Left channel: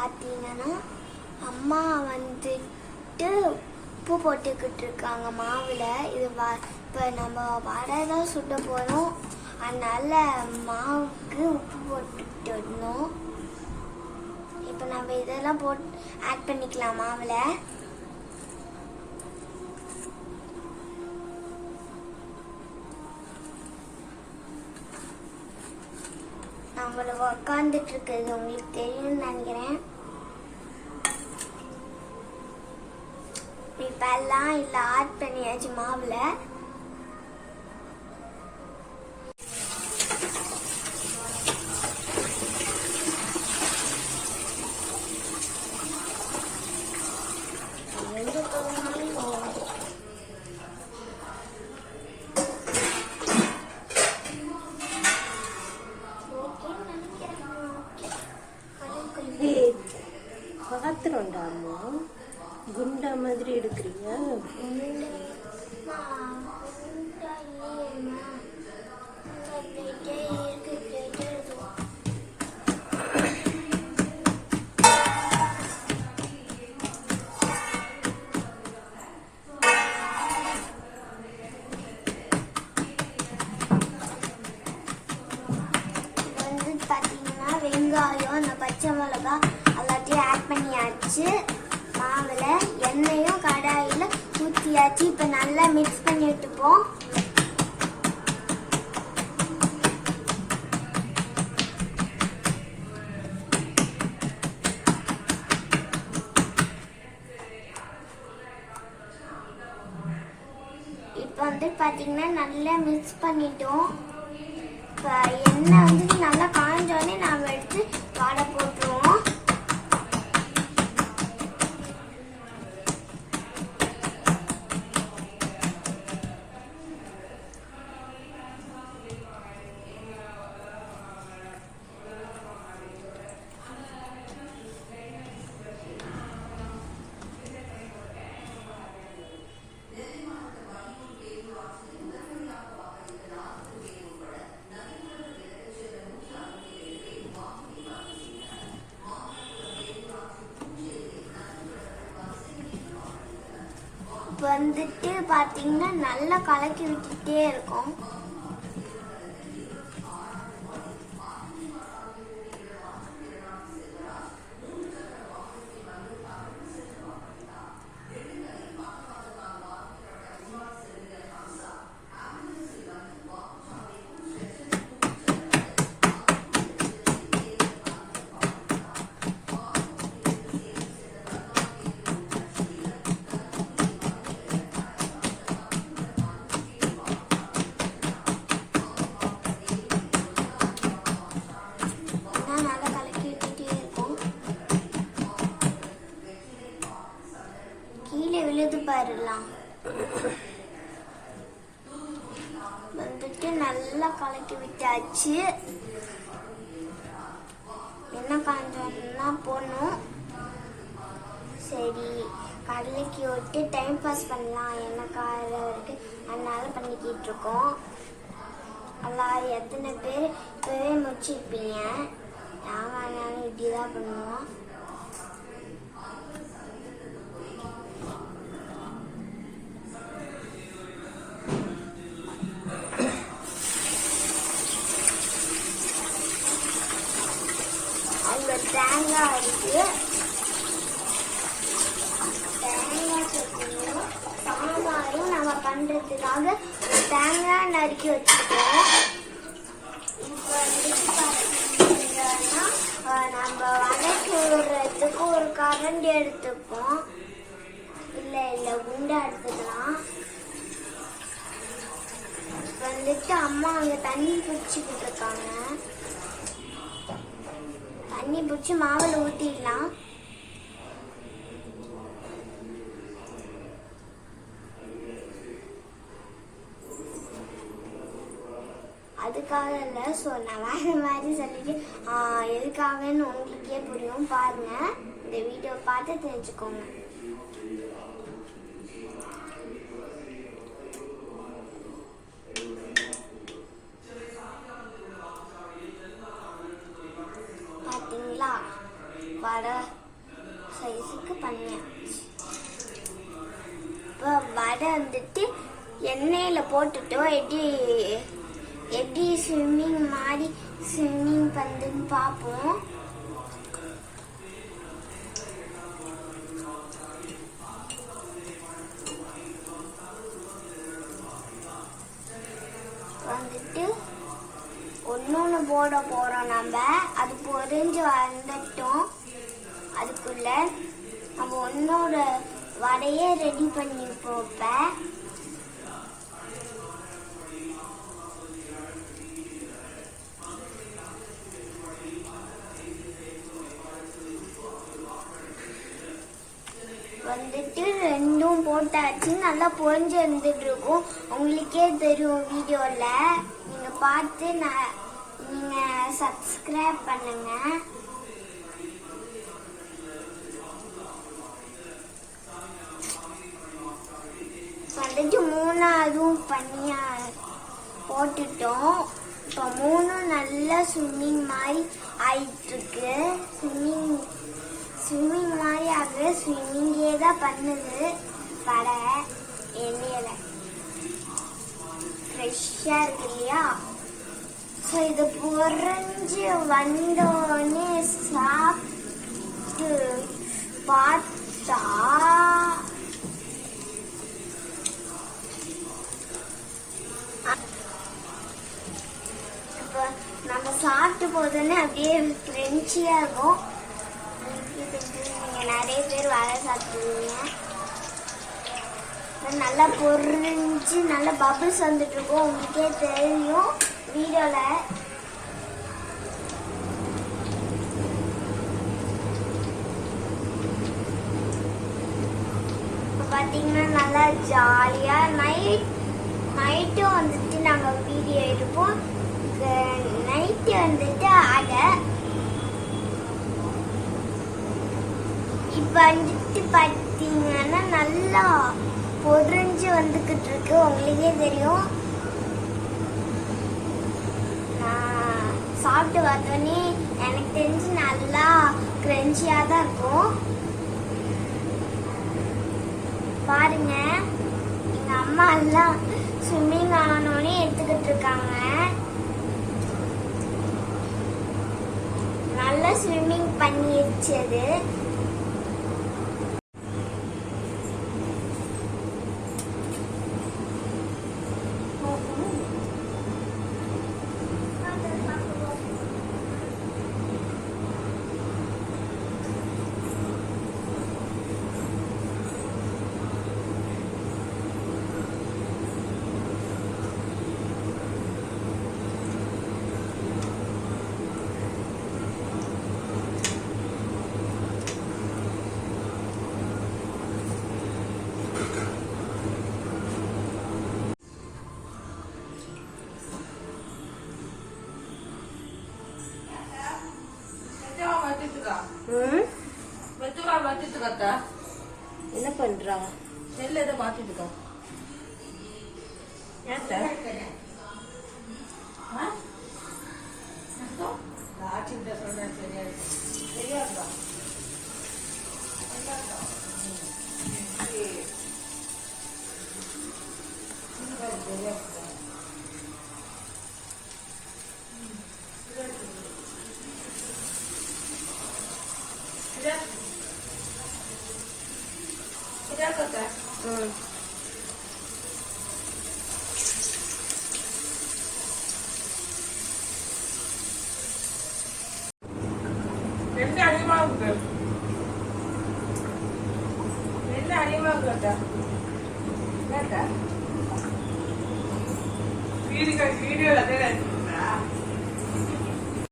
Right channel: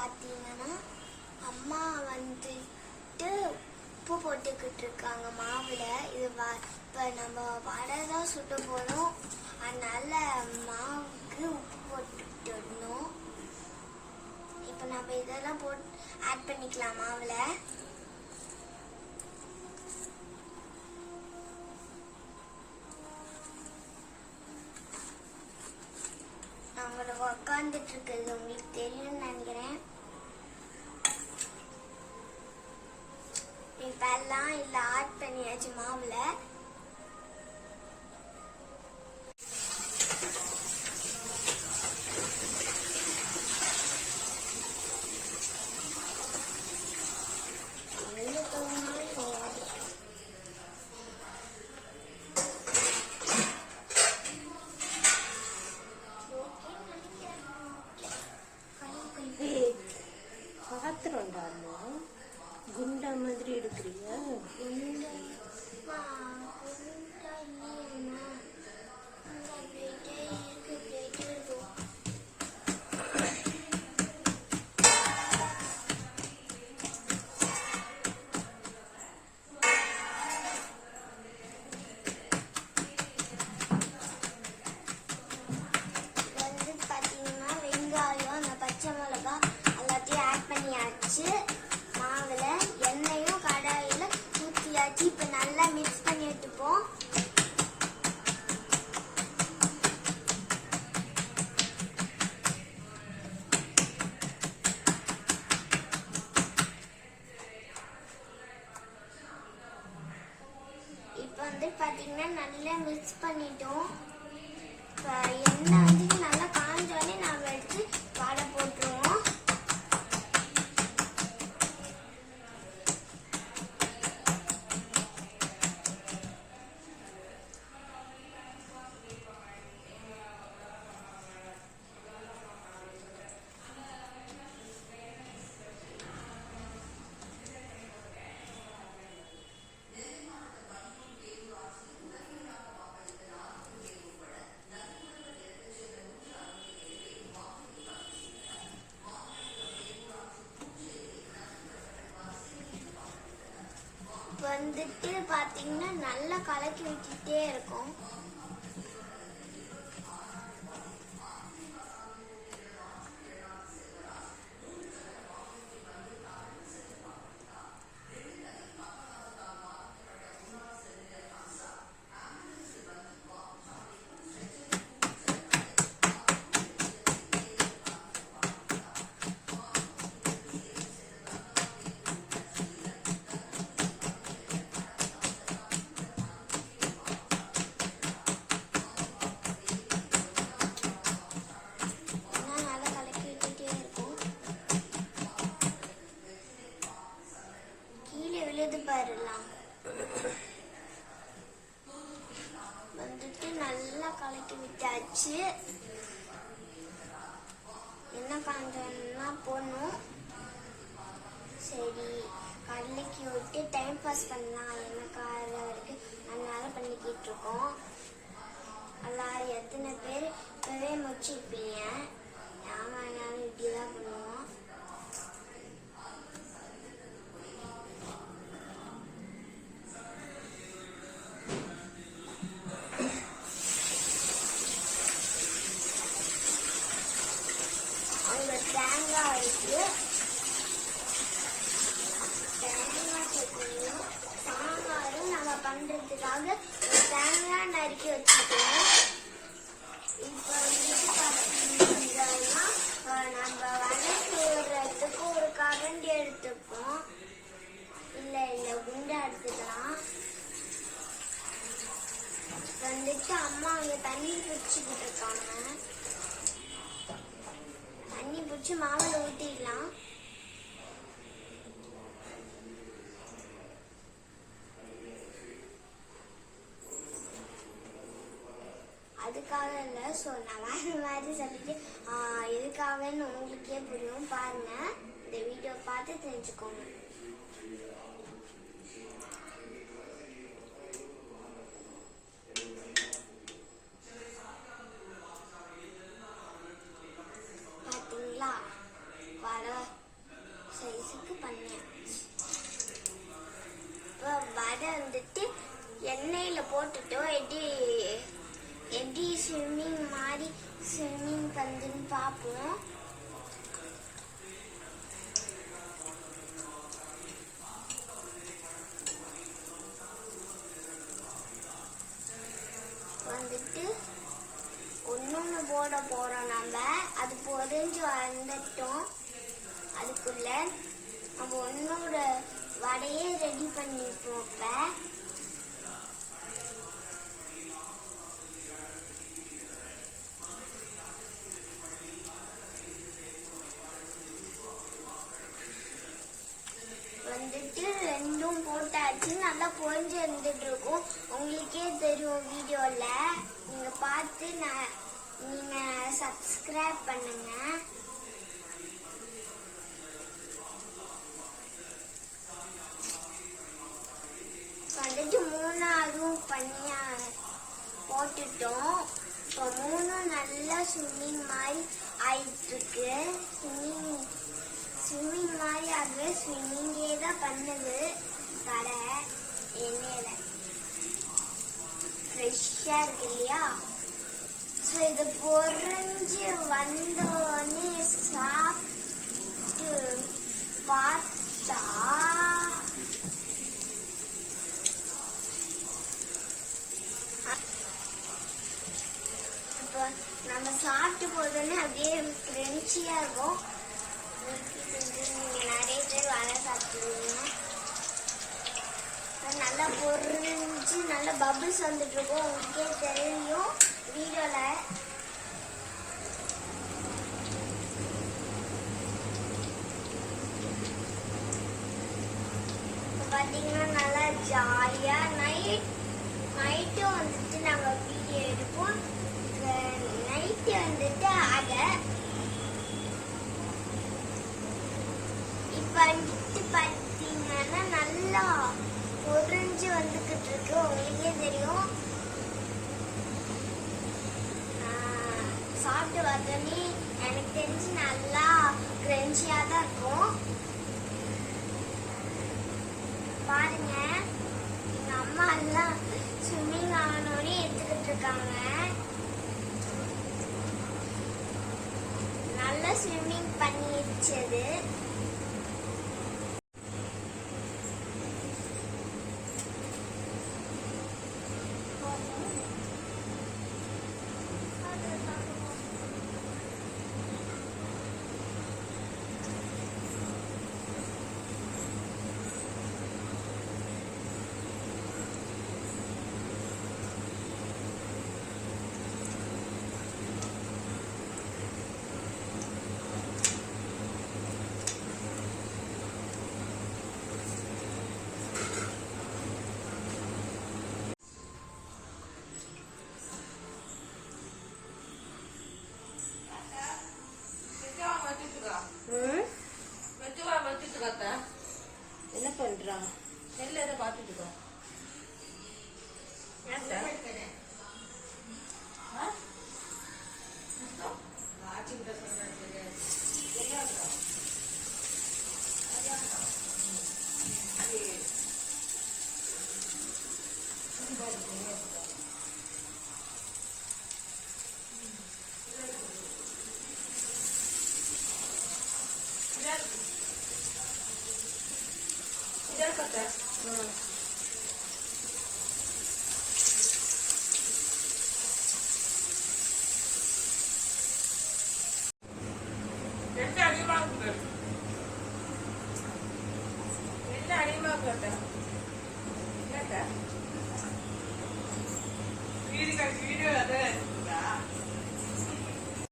பார்த்தீங்கன்னா அம்மா வந்துட்டு உப்பு போட்டுக்கிட்டு இருக்காங்க மாவில். இது இப்போ நம்ம வடை தான் சுட்ட போகிறோம், அதனால மாவுக்கு உப்பு போட்டுக்கிட்டு இருந்தோம். இப்போ நம்ம இதெல்லாம் ஆட் பண்ணிக்கலாம் மாவில். நம்மள உக்காந்துட்டு இருக்கிறது உங்களுக்கு தெரியும்னு நினைக்கிறேன். இப்ப எல்லாம் இல்ல ஆட் பண்ணியாச்சு மாவுல. பாத்திரம்டாமா குண்டா மாதிரி எடுக்கிறியா? பச்சை மிளகா எல்லாத்தையும் ஆட் பண்ணியாச்சு. மாவுல எண்ணெயும் கடாயில ஊற்றியாச்சு. இப்ப நல்லா மிக்ஸ் பண்ணி எடுத்துப்போம். இப்ப பாத்தீங்கன்னா நல்லா மிக்ஸ் பண்ணிட்டோம். இப்ப எண்ணெய் நல்லா காஞ்சோடனே நாம எடுத்து வடை போட்டுருவோம். பாத்தீங்கன்னா நல்லா கலக்கி விட்டுட்டே இருக்கும். பாருலாம் நல்லா கலக்கி விட்டாச்சு. என்ன காஞ்சோம்னா போடணும். சரி கடலைக்கு விட்டு டைம் பாஸ் பண்ணலாம், என்ன கார வரைக்கும் அதனால பண்ணிக்கிட்டு இருக்கோம். எல்லாரும் எத்தனை பேர் இப்பவே முடிச்சிருப்பீங்க. நானும் இப்படிதான் பண்ணுவோம். தேங்காய் இருக்கு, தேங்காய் சட்னியும் சாம்பாரும் நம்ம பண்றதுக்காக தேங்காய் நறுக்கி வச்சுருக்கோம். இப்போ நம்ம வடக்கு விடுறதுக்கு ஒரு கரண்டி எடுத்துப்போம். இல்லை குண்டா எடுத்துக்கலாம். அம்மா அங்க தண்ணி பிடிச்சிக்கிட்டு இருக்காங்க. தண்ணி பிடிச்சி மாவில் ஊற்றிடலாம். அதுக்காக இல்லை, ஸோ நான் வேற மாதிரி சொல்லிட்டு எதுக்காகன்னு உங்களுக்கே புரியும். பாருங்க, இந்த வீடியோ பார்த்து தெரிஞ்சுக்கோங்க. பார்த்தீங்களா வடை தண்ணியில போட்டுட்டோம். எப்படி எப்படி ஸ்விம்மிங் மாதிரி ஸ்விம்மிங் பண்ணுன்னு பார்ப்போம். வந்துட்டு ஒன்னொன்னு போட போறோம் நம்ம. அது பொறிஞ்சு வந்துட்டோம். அதுக்குள்ள நம்ம ஒன்னோட வடையை ரெடி பண்ணி போப்ப வந்துட்டு ரெண்டும் போட்டாச்சு. நல்லா பொறிஞ்சு வந்துட்டு இருக்கும். உங்களுக்கே தெரியும் வீடியோல. நீங்க பார்த்து நீங்க சப்ஸ்கிரைப் பண்ணுங்க. வந்துட்டு மூணாவதும் பண்ணியா போட்டுட்டோம். இப்போ மூணும் நல்லா ஸ்விம்மிங் மாதிரி ஆயிட்டு இருக்கு. ஸ்விம்மிங் மாதிரி ஆகுது. ஸ்விம்மிங்கே தான் பண்ணுது வடை. எண்ணெயில ஃப்ரெஷ்ஷா இருக்கு இல்லையா? ஸோ இது பொறிஞ்சு வந்தோடனே சாப்பிட்டு பார்த்தா இப்போ நம்ம சாப்பிட்டு போதோடனே அப்படியே கிரன்ச்சியா இருக்கும். நீங்க நிறைய பேர் வடை சாப்பிடுவீங்க. நல்லா பொறிஞ்சு நல்லா பபிள்ஸ் வந்துட்டு இருக்கும். உங்களுக்கே தெரியும் வீடியோல. பாத்தீங்கன்னா நல்லா ஜாலியா நைட்டும் வந்துட்டு நாங்க வீடியோ எடுப்போம். நைட்டு வந்துட்டு இப்ப வந்துட்டு பாத்தீங்கன்னா நல்லா பொறிஞ்சு வந்துகிட்டு இருக்கு. உங்களுக்கே தெரியும். சாப்பிட்டு பார்த்தோன்னே எனக்கு தெரிஞ்சு நல்லா கிரன்ச்சியா தான் இருக்கும். பாருங்க, எங்க அம்மா எல்லாம் ஸ்விம்மிங் ஆனோடனே எடுத்துக்கிட்டு இருக்காங்க. நல்லா ஸ்விம்மிங் பண்ணிடுச்சது. என்ன பண்றா? வீடியோ